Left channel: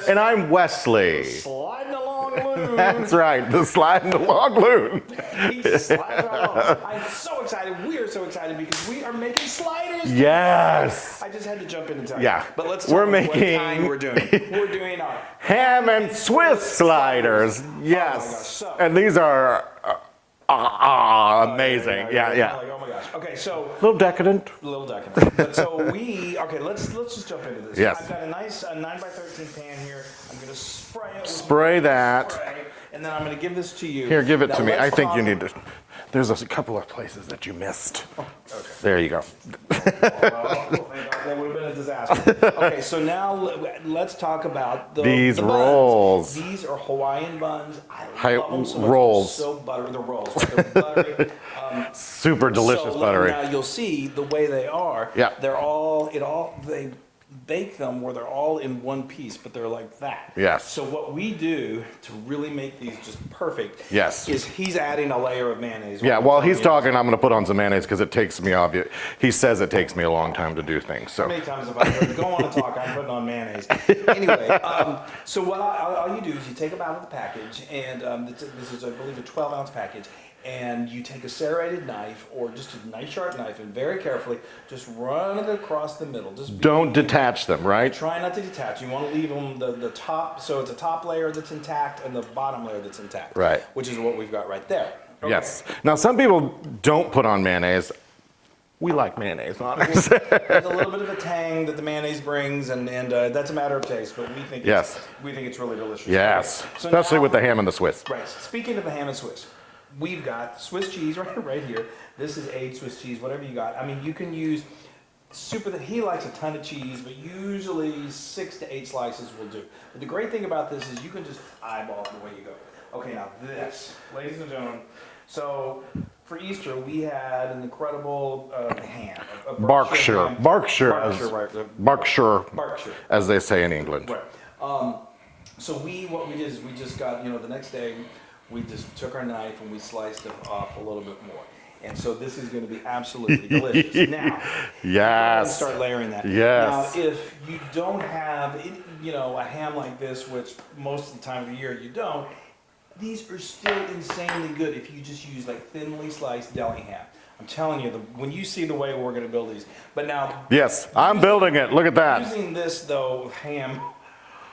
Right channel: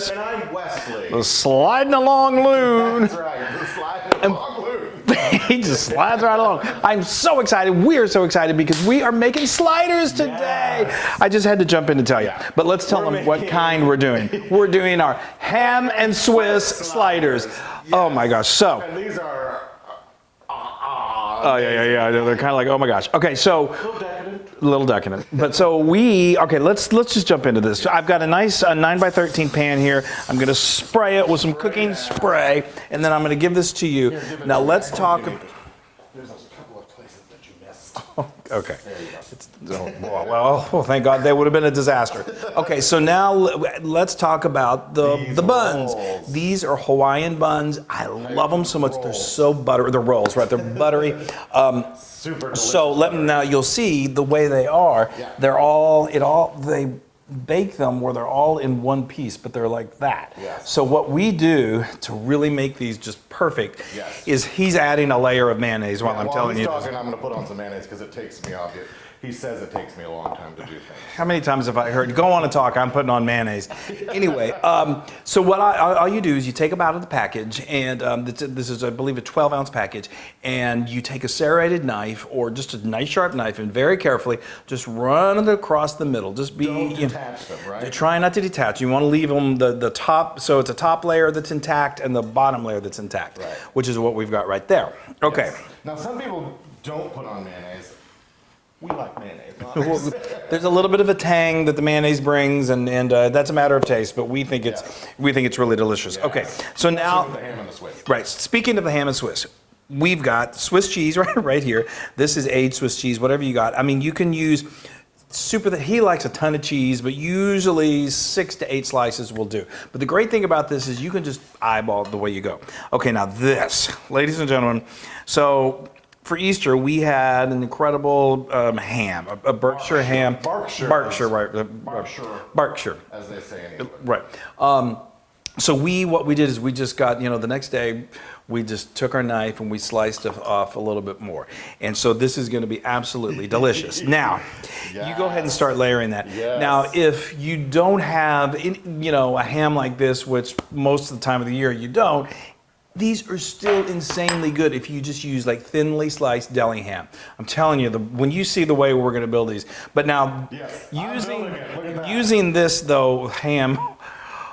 Chris. And I'm Wesley. The sliding along Loon. That's right, the sliding along Loon. He just slides right along. I'm so excited. We are so excited because we are making sliders today. Yes. I just had to jump in to tell you. Yeah. But let's tell them what kind we're doing. We're doing our Ham and Swiss sliders. Yes. Oh my gosh. So. And these are amazing. Yeah. They're kind of like, oh my gosh. Okay, so. A little decadent. But so let's just jump into this. Yes. I've got a nice 9x13 pan here. I'm going to spray it with some cooking spray, and then I'm going to give this to you. Here, give it now, to me. let's I think you need to. There's a couple of places that you missed. Okay. There you go. Well, thank God, that would have been a disaster. Okay, so now let's talk about the buns. Rolls. These are Hawaiian buns. I love them so much. Rolls. They're so buttery. They're rolls, right? They're buttery. Super delicious. So now you'll see the way they are. Yeah. They bake them where they're all in one piece, but they're like that. Yes. So what we do to really make these just perfect is he's adding a layer of mayonnaise. Yeah, while he's talking, I'm going to put on some mayonnaise because it takes me, he says it takes me a long time to do things. So. How many times have I heard, go on and talk, I'm putting on mayonnaise. Anyway, so what all you do is you take them out of the package, and this is, I believe, a 12-ounce package, and you take a serrated knife or just a nice sharp knife and very carefully just run it across the middle. Don't detach them, right? Try not to detach. You want to leave them the top, so it's a top layer that's intact and the bottom layer that's intact. Right. Which is what we've got right there. Okay. Yes. Now, some people don't put on mayonnaise. We like mayonnaise. There's a little bit of a tang that the mayonnaise brings, and that's a matter of taste, but we think it's really delicious. Yes. Okay. So especially now, with the ham and the Swiss. Right. Speaking of the ham and Swiss, we've got Swiss cheese right here. This is aged Swiss cheese, whatever you got. I mean, you can use he likes a ton of cheese, but usually 6 to 8 slices will do. But the great thing about this is you can just eyeball it the way you go. Okay, now this, ladies and gentlemen, so for Easter we had an incredible ham, a Berkshire ham. Berkshire, as they say in England. Right. So what we did is we just got, the next day, we just took our knife and we sliced it off a little bit more. And so this is going to be absolutely delicious. Now, you go ahead and start layering that. Yes. Now, if you don't have, a ham like this, which most of the time of the year you don't, these are still insanely good if you just use like thinly sliced deli ham. I'm telling you, when you see the way we're going to build these. But now, yes, I'm building it. Look at that. Using this though, ham,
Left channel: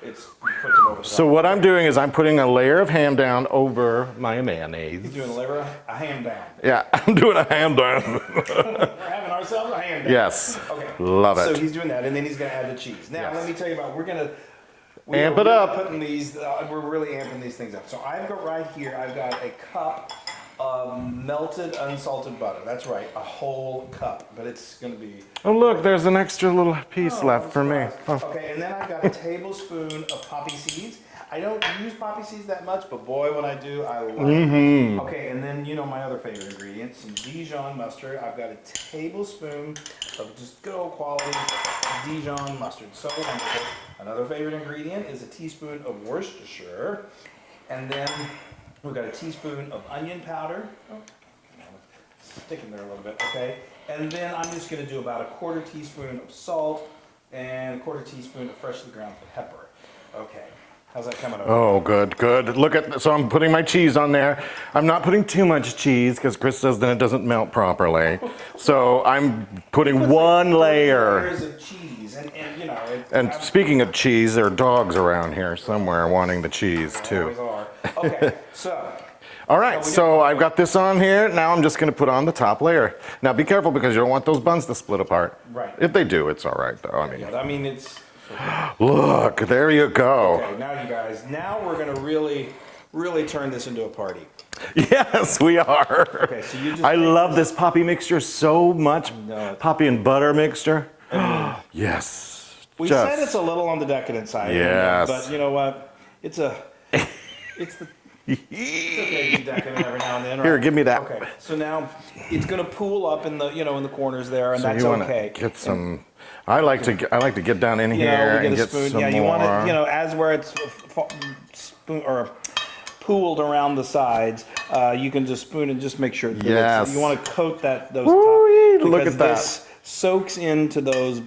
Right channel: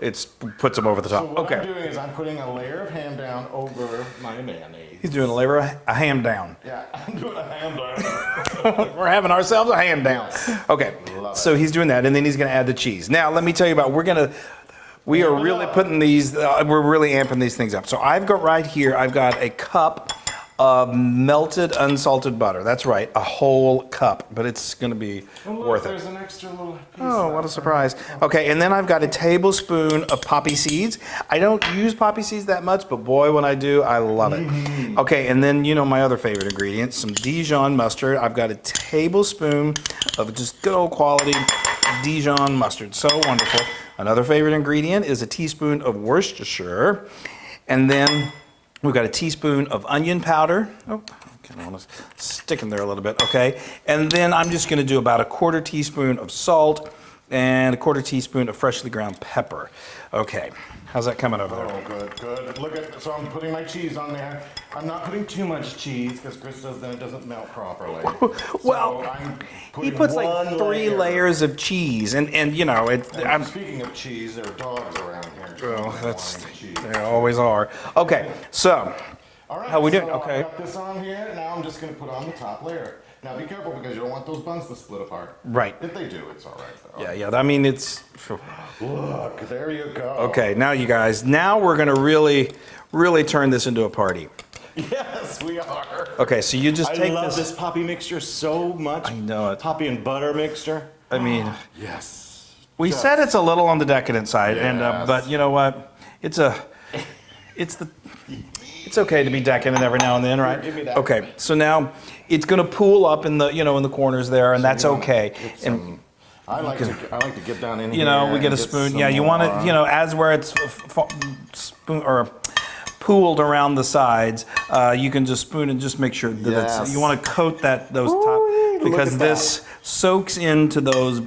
it puts them over the top. So what I'm doing is I'm putting a layer of ham down over my mayonnaise. He's doing a ham down. Yeah, I'm doing a ham down. We're having ourselves a ham down. Yes. Okay. Love it. So he's doing that, and then he's going to add the cheese. Now, let me tell you about, we are really putting these, we're really amping these things up. So I've got right here, I've got a cup of melted unsalted butter. That's right, a whole cup, but it's going to be look, there's an extra little piece left. What a surprise. Okay, and then I've got a tablespoon of poppy seeds. I don't use poppy seeds that much, but boy, when I do, I love it. Okay, and then my other favorite ingredient, some Dijon mustard. I've got a tablespoon of just good old quality Dijon mustard. So wonderful. Another favorite ingredient is a teaspoon of Worcestershire, and then we've got a teaspoon of onion powder. Oh, I want to stick in there a little bit, okay? And then I'm just going to do about a 1/4 teaspoon of salt and a 1/4 teaspoon of freshly ground pepper. Okay, how's that coming over? Oh, good. Look at, so I'm putting my cheese on there. I'm not putting too much cheese because Chris says then it doesn't melt properly. So I'm putting one layer. 3 layers of cheese, and I'm speaking of cheese, there are dogs around here somewhere wanting the cheese too. There always are. Okay, so. All right, so I've got this on here. Now I'm just going to put on the top layer. Now be careful because you don't want those buns to split apart. Right. If they do, it's all right though. Yeah. I mean, it's. Look, there you go. Okay, now you guys, we're going to really turn this into a party. Yes, we are. Okay, so you just. I love this poppy mixture so much. I know it. Poppy and butter mixture. I mean. Yes. We said it's a little on the decadent side, yes. But you know what? It's okay to be decadent every now and then, right? Here, give me that. Okay, so now it's going to pool up in the in the corners there, and so that's okay. Get some, I like to get down in here. We get a spoon. Yeah, you want it. As where it's spoon or pooled around the sides, you can just spoon and just make sure that Yes. you want to coat those top look because at this soaks into those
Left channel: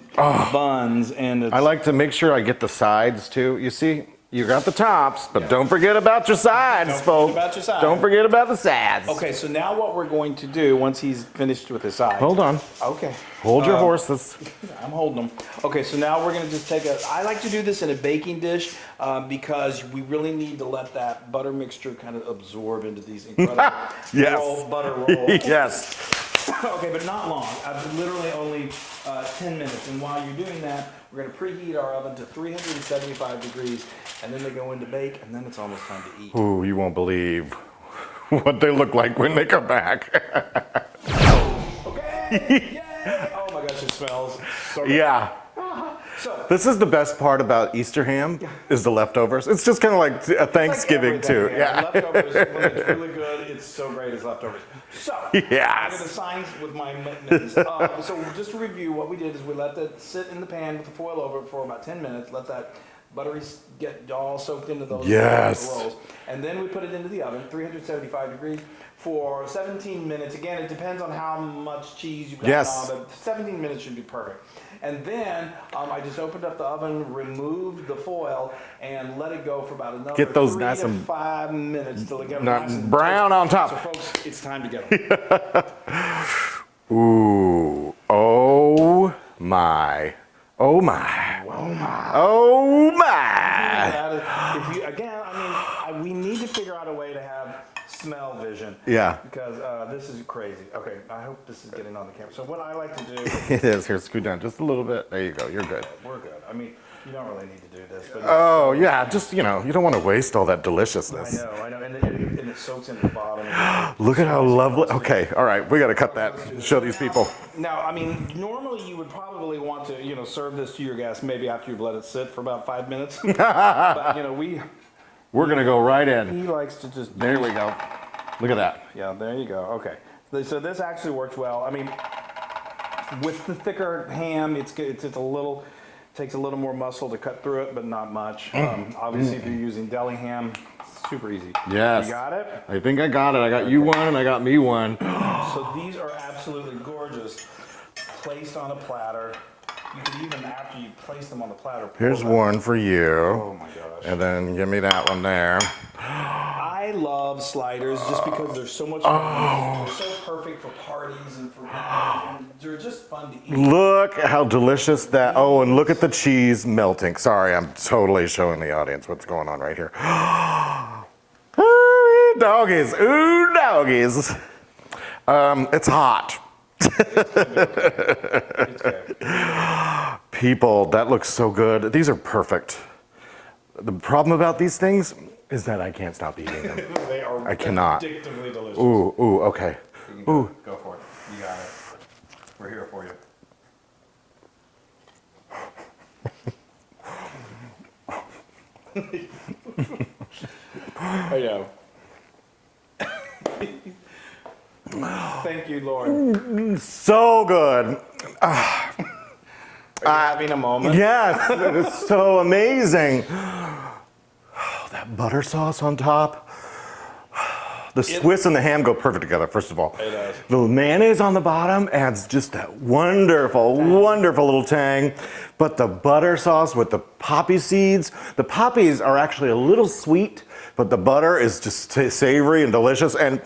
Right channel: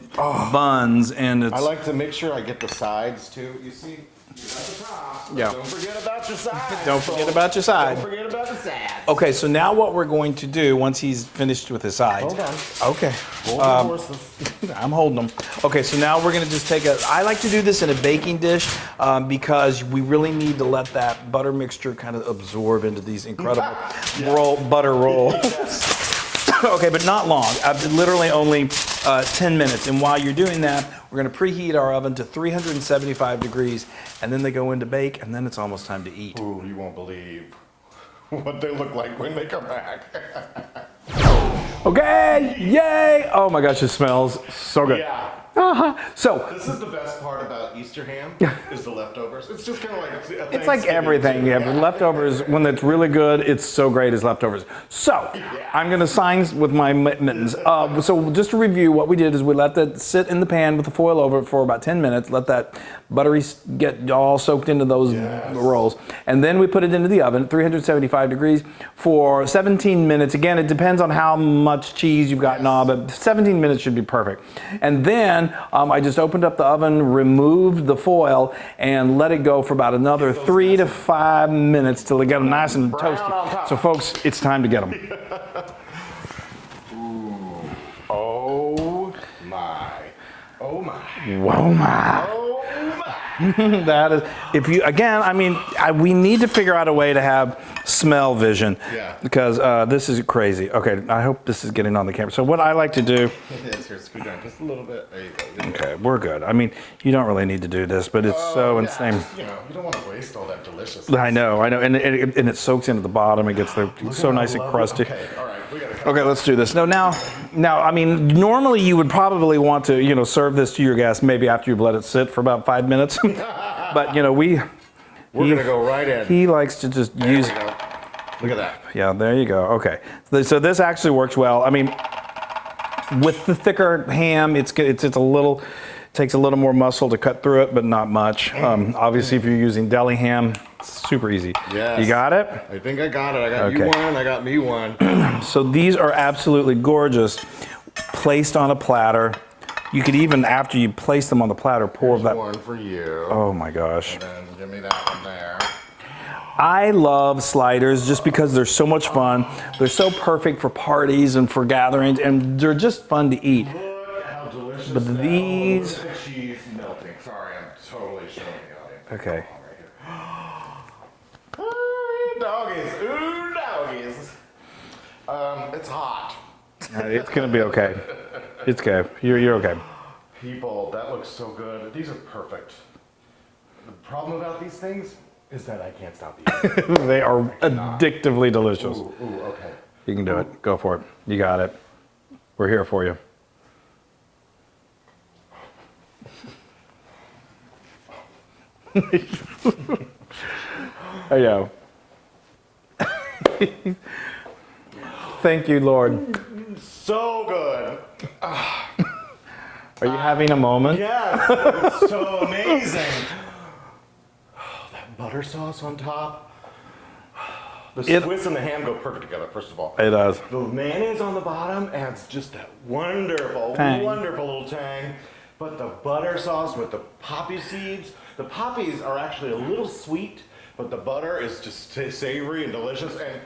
buns and it's. I like to make sure I get the sides too. You see, you got the tops, but Yeah. don't forget about your sides. Don't forget folks. about your sides. Don't forget about the sides. Okay, so now what we're going to do once he's finished with his sides. Hold on. Okay. Hold your horses. I'm holding them. Okay, so now we're gonna just take I like to do this in a baking dish because we really need to let that butter mixture kind of absorb into these incredible Yes. butter rolls. Yes. Okay, but not long. Literally only 10 minutes. And while you're doing that, we're gonna preheat our oven to 375 degrees, and then they go into bake, and then it's almost time to eat. Ooh, you won't believe what they look like when they come back. Okay, yay! Oh my gosh, it smells so good. Yeah. So This is the best part about Easter ham is the leftovers. It's just kind of like a it's like Thanksgiving everything. too. Yeah, but leftovers, when it's really good, it's so great as leftovers. So, Yes. I'm going to sign with my mittens. So, just to review, what we did is we let that sit in the pan with the foil over it for about 10 minutes, let that buttery get all soaked into those Yes. rolls. And then we put it into the oven, 375 degrees, for 17 minutes. Again, it depends on how much cheese you've got and all, but 17 minutes should be perfect. And then I just opened up the oven, removed the foil, and let it go for about another Get those 3 nice to and 5 minutes till they get nice and brown toasty. on top. So, folks, it's time to get them. Ooh. Oh my. Oh my. Whoa, my. Oh my. That is, if you again, I mean, we need to figure out a way to have smell vision. Yeah. Because this is crazy. Okay, I hope this is getting on the camera. So what I like to do. It is. Here, scoot down just a little bit. There you go. You're good. Okay, we're good. I mean, you don't really need to do this, but it's so yeah, insane. just, you don't want to waste all that deliciousness. I know, and it soaks into the bottom. It gets Look so at how nice and lovely. crusty. Okay, all right, we got to cut. Okay, that. let's do this. Show So these now, people. I mean, normally you would probably want to, serve this to your guests maybe after you've let it sit for about 5 minutes. But we're gonna go right in. he likes to just use. There we go. Look at that. Yeah, there you go. Okay, so this actually works well. I mean, with the thicker ham, it's a little. Takes a little more muscle to cut through it, but not much. Obviously, if you're using deli ham, it's super easy. Yes. You got it? I think I got it. I got Okay. you one. I got me one. So these are absolutely gorgeous, placed on a platter. You could even, after you place them on the platter, pour Here's them. one for you. Oh my gosh. And then give me that one there. I love sliders just because they're so much fun. They're so perfect for parties and for gatherings, and they're just fun to eat. Look how delicious that. Oh, and look these- at the cheese melting. Sorry, I'm totally showing the audience what's Okay. going on right here. Ooh, doggies. Ooh, doggies. It's hot. It's gonna be okay. It's okay. You're okay. People, that looks so good. These are perfect. The problem about these things is that I can't stop eating them. They are I cannot. addictively delicious. Ooh, okay. You can do it. Go for it. You got it. We're here for you. Yeah. Thank you, Lord. So good. Are you having a moment? Yes, it is so amazing. Oh, that butter sauce on top. The Swiss and the ham go perfect together, first of all. It does. The mayonnaise on the bottom adds just that wonderful, Tang. wonderful little tang. But the butter sauce with the poppy seeds, the poppies are actually a little sweet, but the butter is just savory and delicious. And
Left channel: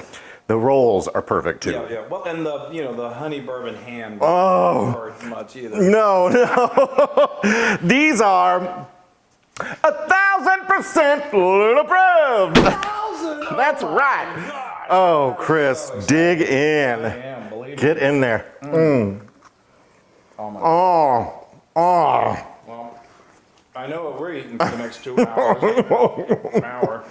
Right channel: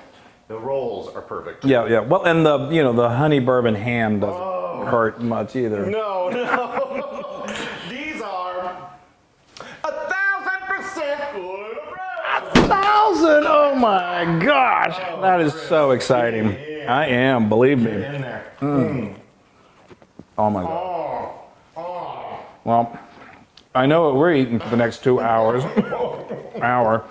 the rolls are perfect too. Yeah, yeah. Well, and the honey bourbon ham doesn't hurt much either. No. These are 1,000% Loon approved. 1,000! Oh That's my right. gosh! Oh, that is Chris, so exciting. dig in. I am. Believe Get me. in there. Oh my God. Oh. Well, I know what we're eating for the next 2 hours. Hour.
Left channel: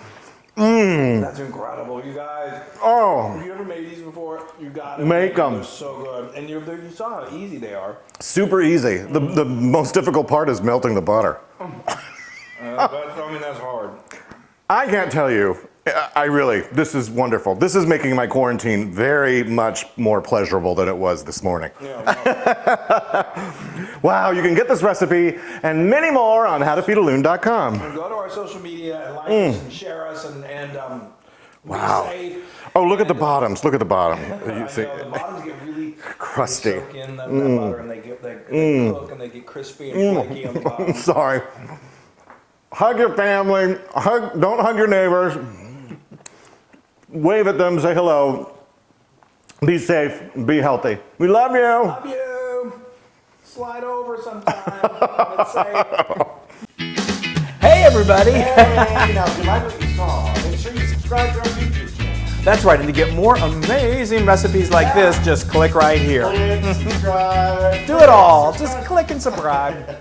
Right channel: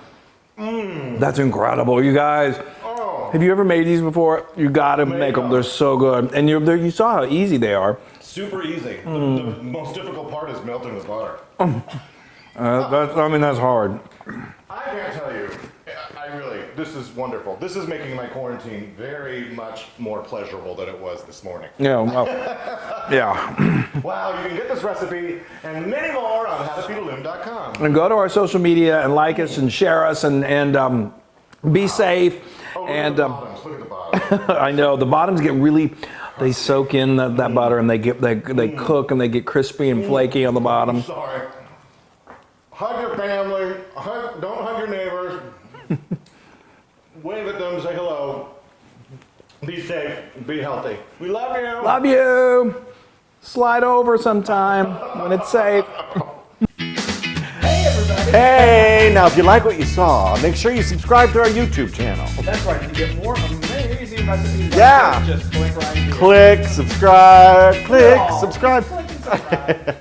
That's incredible, you guys. Oh. Have you ever made these before? You gotta make them. 'em. They're so good, and you saw how easy they are. Super easy. The most difficult part is melting the butter. That's hard. I can't tell you. This is wonderful. This is making my quarantine very much more pleasurable than it was this morning. Yeah, well, yeah. Wow, you can get this recipe and many more on howtofeedaloon.com. And go to our social media and like us and share us and be safe. Oh, look at the bottoms. Look at the bottom. I know the bottoms get really Crusty. They soak in that butter and they cook and they get crispy and flaky on the bottom. Sorry. Hug your family. Don't hug your neighbors. Wave at them. Say hello. Be safe. Be healthy. We love you. Love you. Slide over sometime when it's safe. Hey, everybody. Hey, now if you like what you saw, make sure you subscribe to our YouTube channel. That's right. And to get more amazing recipes like this, just click right here. Click, subscribe, Do it all. subscribe. Just click and subscribe.